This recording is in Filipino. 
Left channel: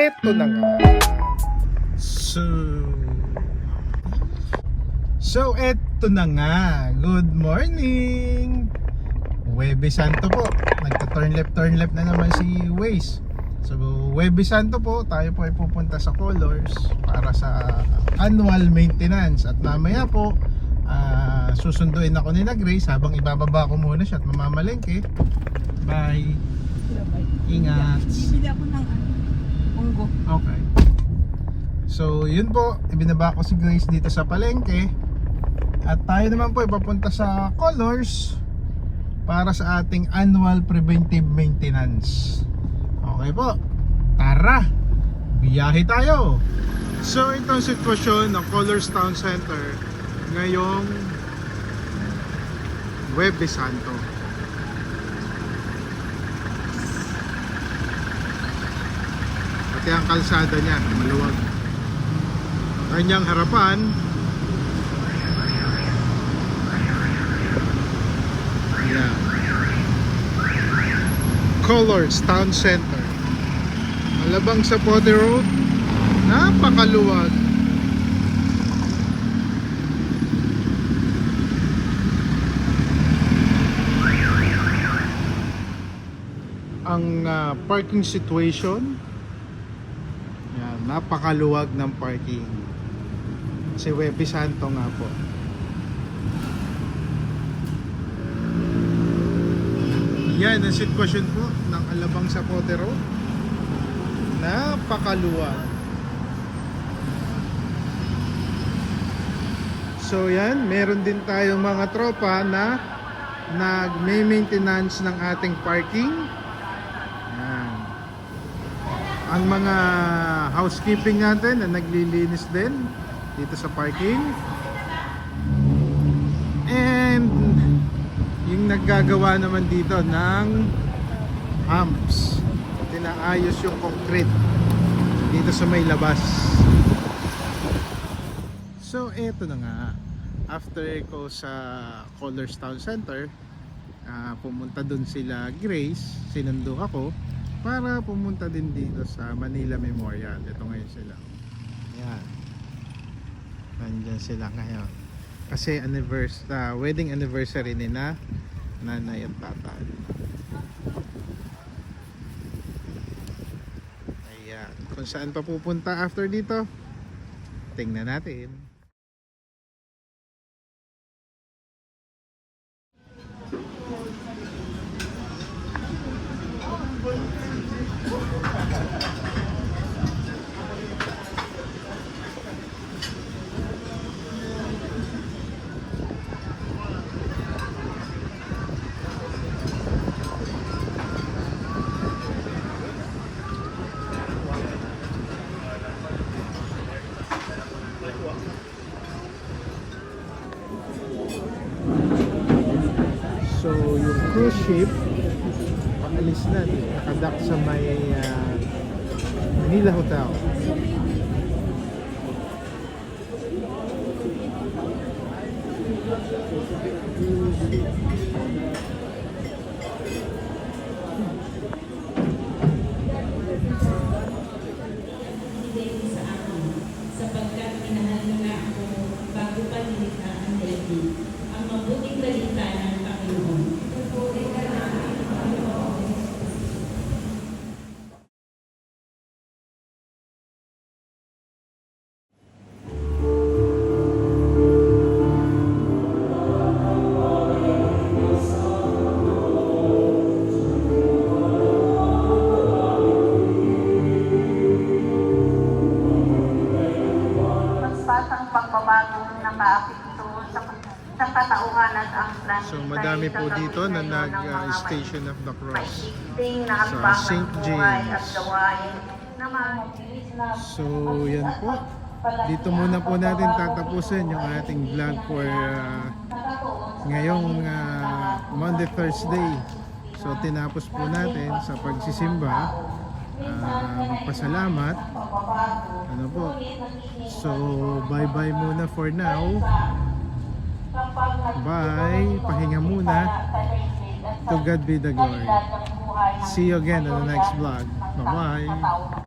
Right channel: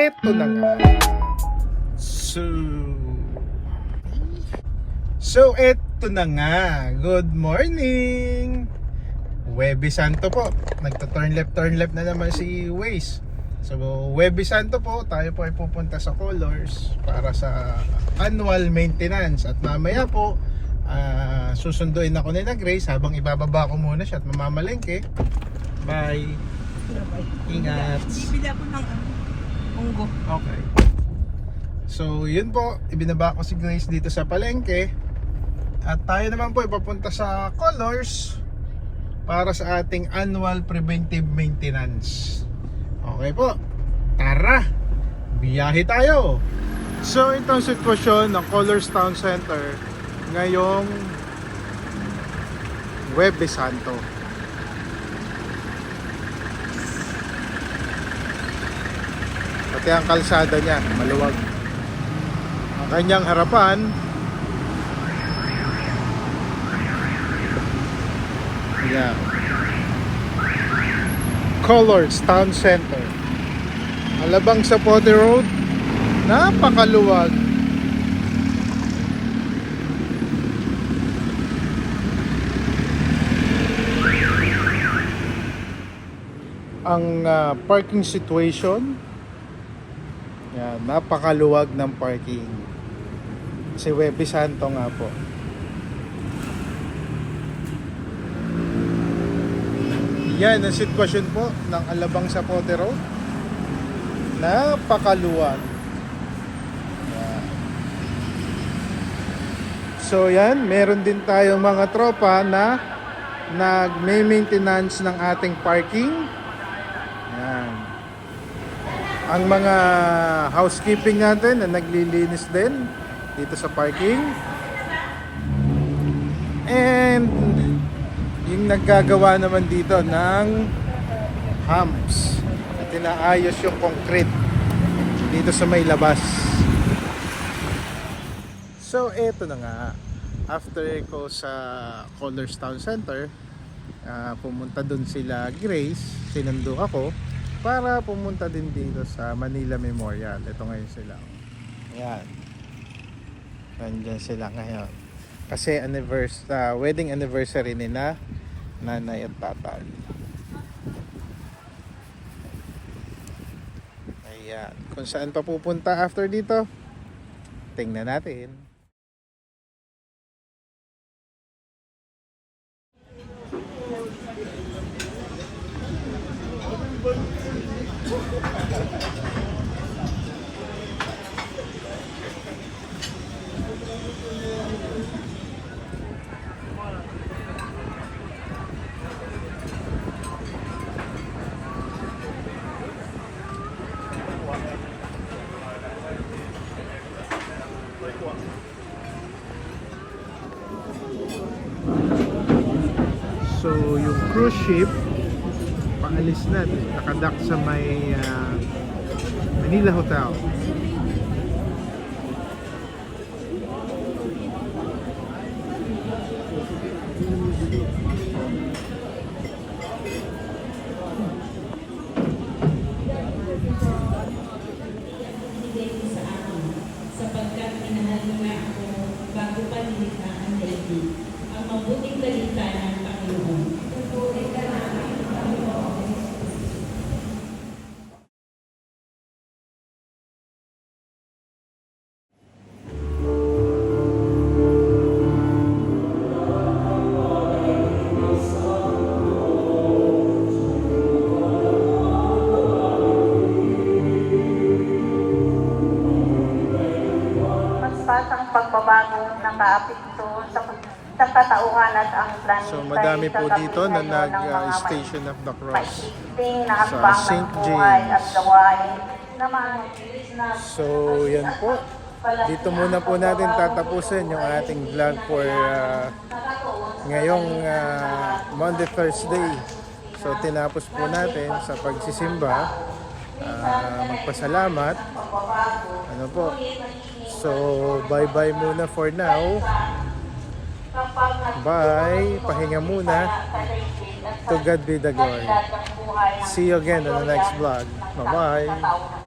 eto na nga. So eto na nga. Good morning. Huwebes Santo po. Nagta-turn left na naman si Waze. So Huwebes Santo po, tayo po ay pupunta sa Colors para sa annual maintenance. At mamaya po susunduin ako ni Grace habang ibababa ko muna siya at mamamalengke. Bye. Ingat. Bibili ako ng munggo. Okay. So yun po, ibinaba ko si Grace dito sa palengke. At tayo naman po ipapunta sa Colors para sa ating annual preventive maintenance. Okay po, tara, biyahe tayo. So ito ang sitwasyon ng Colors Town Center ngayong Huwebes Santo. Pati ang kalsada niya maluwag. Ang kanyang harapan yeah. Colors Town Center. Alabang sa Pote Road, napakaluwag. Ang parking situation, yan, napakaluwag ng parking. Si Huwebes Santo nga po. Yan ang sitwasyon po ng Alabang sa Pote Road. Napakaluwag. Yan. So yan, meron din tayong mga tropa na nag-maintenance ng ating parking. Yan. Ang mga housekeeping natin na naglilinis din dito sa parking. And yung naggagawa naman dito ng humps. Tinaayos yung concrete dito sa may labas. So eto na nga, after ko sa Colors Town Center, pumunta dun sila Grace, sinundo ako para pumunta din dito sa Manila Memorial. Ito ngayon sila. Yan. Nandiyan sila ngayon. Kasi wedding anniversary nila nanay at tatay. Ayan. Kung saan pa pupunta after dito, tingnan natin. So yung cruise ship paalis na, nakadock sa may Manila Hotel. Sapagkat minahal mo na ako bago pa nilikha ang daigdig. Ang mabuting balita ng Panginoon. Pupuri ka namin, Panginoon. Ang pagbabagong nakaapekto sa katauhan at ang planetary. So madami po dito na nag-Station of the Cross sa St. James. So yan po, dito muna po natin tatapusin yung ating vlog for ngayong Monday, Thursday. So tinapos po natin sa pagsisimba, magpasalamat, ano po. So bye bye muna for now. Bye, pahinga muna. To God be the glory. See you again on the next vlog. Bye bye.